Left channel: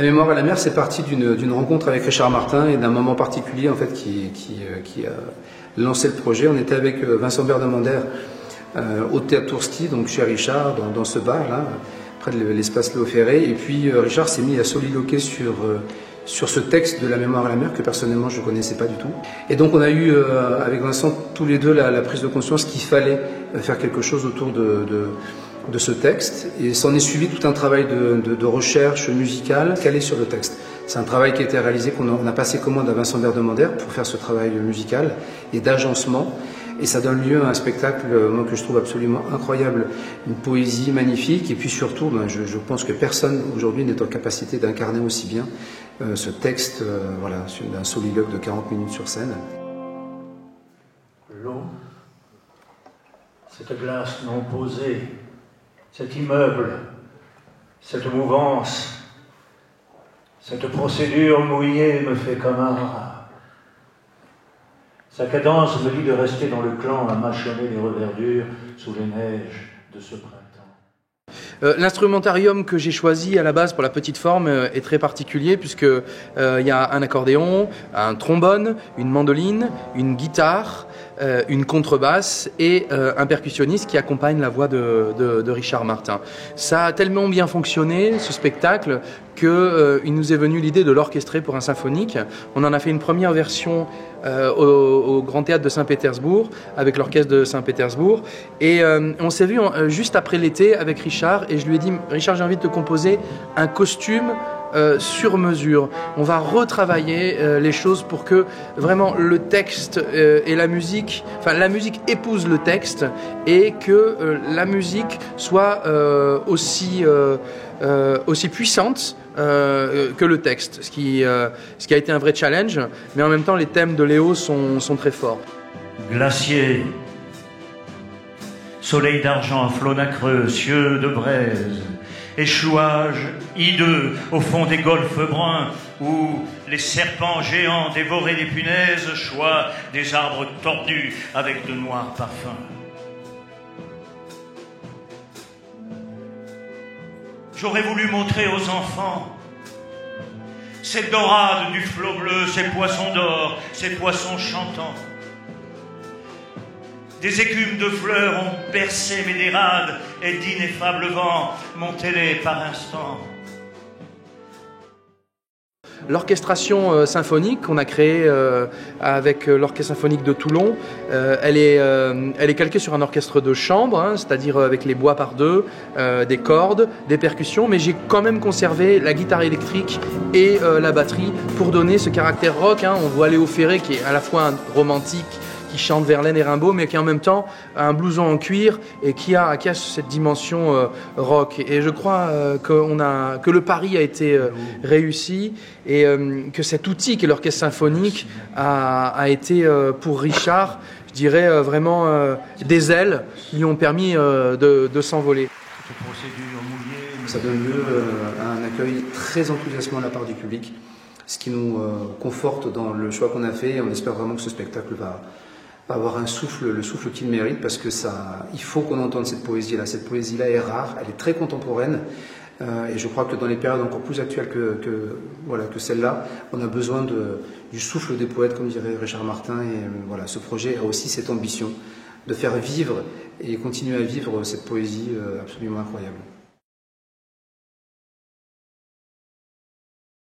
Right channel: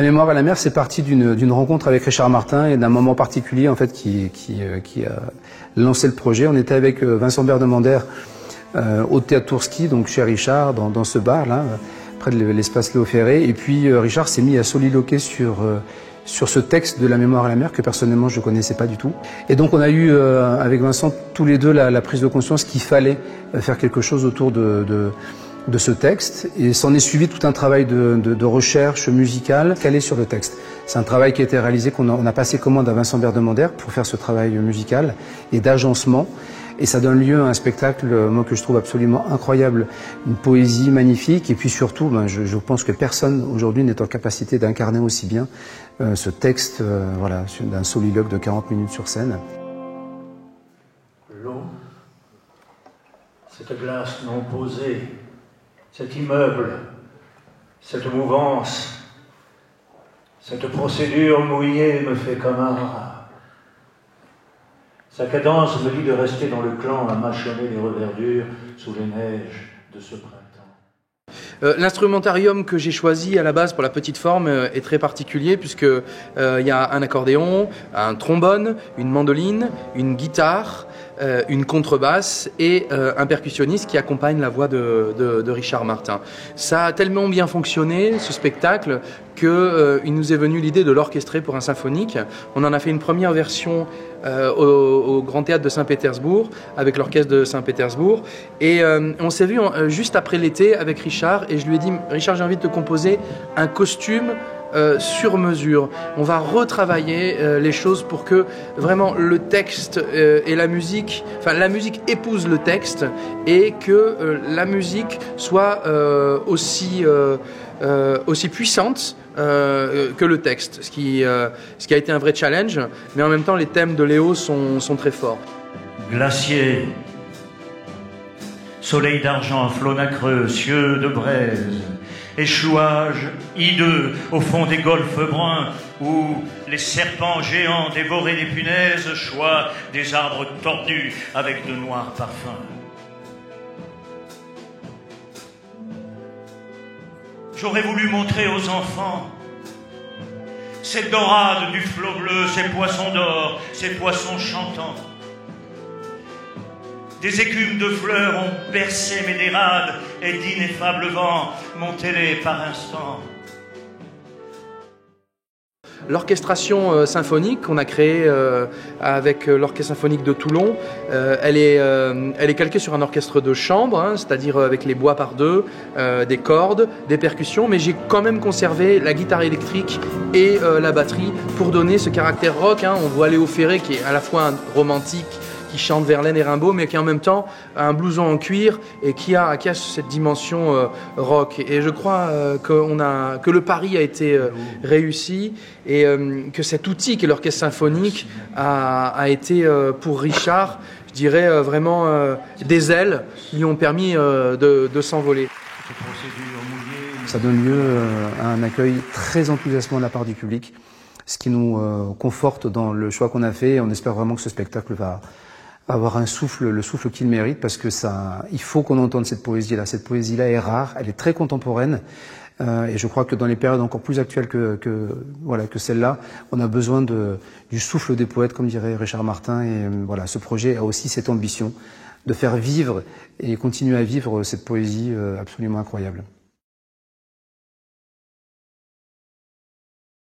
La mémoire à la mer, c'est parti d'une rencontre avec Richard Martin et d'un moment particulier en fait qui a lancé le projet. On était avec Vincent Berdemander au Théâtre Tourski, donc chez Richard, dans ce bar là, près de l'espace Léo Ferré. Et puis Richard s'est mis à soliloquer sur ce texte de la mémoire à la mer que personnellement je ne connaissais pas du tout. Et donc on a eu avec Vincent tous les deux la prise de conscience qu'il fallait faire quelque chose autour de ce texte, et s'en est suivi tout un travail de recherche musicale calé sur le texte. C'est un travail qui a été réalisé, on a passé commande à Vincent Berdemander pour faire ce travail musical et d'agencement, et ça donne lieu à un spectacle moi, que je trouve absolument incroyable, une poésie magnifique, et puis surtout je pense que personne aujourd'hui n'est en capacité d'incarner aussi bien ce texte voilà, d'un soliloque de 40 minutes sur scène. L'eau, cette glace non posée, cet immeuble, cette mouvance, cette procédure mouillée me fait comme un rat. Sa cadence me dit de rester dans le clan à mâchonner les reverdures sous les neiges de ce printemps. L'instrumentarium que j'ai choisi à la base pour la petite forme est très particulier puisque il y a un accordéon, un trombone, une mandoline, une guitare, une contrebasse et un percussionniste qui accompagne la voix de Richard Martin. Ça a tellement bien fonctionné, ce spectacle, qu'il nous est venu l'idée de l'orchestrer pour un symphonique. On en a fait une première version au Grand Théâtre de Saint-Pétersbourg, avec l'orchestre de Saint-Pétersbourg. Et on s'est vu juste après l'été avec Richard, et je lui ai dit « Richard, j'ai envie de te composer un costume sur mesure. On va retravailler les choses pour que vraiment le texte et la musique épouse le texte et que la musique soit aussi puissante que le texte, ce qui a été un vrai challenge, mais en même temps les thèmes de Léo sont très forts. Glacier, soleil d'argent, flot nacreux, cieux de braise, échouage hideux au fond des golfes bruns où les serpents géants dévoraient des punaises, choix des arbres tordus avec de noirs parfums. J'aurais voulu montrer aux enfants cette dorade du flot bleu, ces poissons d'or, ces poissons chantants. Des écumes de fleurs ont bercé mes dérades et d'ineffables vents montaient-les par instants. L'orchestration symphonique qu'on a créée avec l'Orchestre symphonique de Toulon, elle est calquée sur un orchestre de chambre, hein, c'est-à-dire avec les bois par deux, des cordes, des percussions, mais j'ai quand même conservé la guitare électrique et la batterie pour donner ce caractère rock. Hein. On voit Léo Ferré qui est à la fois un romantique, qui chante Verlaine et Rimbaud, mais qui en même temps a un blouson en cuir et qui a cette dimension rock. Et je crois que le pari a été réussi et que cet outil qu'est l'orchestre symphonique a été pour Richard, je dirais vraiment des ailes qui lui ont permis de s'envoler. Ça donne lieu à un accueil très enthousiasmant de la part du public, ce qui nous conforte dans le choix qu'on a fait, et on espère vraiment que ce spectacle va avoir le souffle qu'il mérite, parce que il faut qu'on entende cette poésie-là. Cette poésie-là est rare, elle est très contemporaine, et je crois que dans les périodes encore plus actuelles que celle-là, on a besoin du souffle des poètes, comme dirait Richard Martin, et voilà, ce projet a aussi cette ambition de faire vivre et continuer à vivre cette poésie absolument incroyable.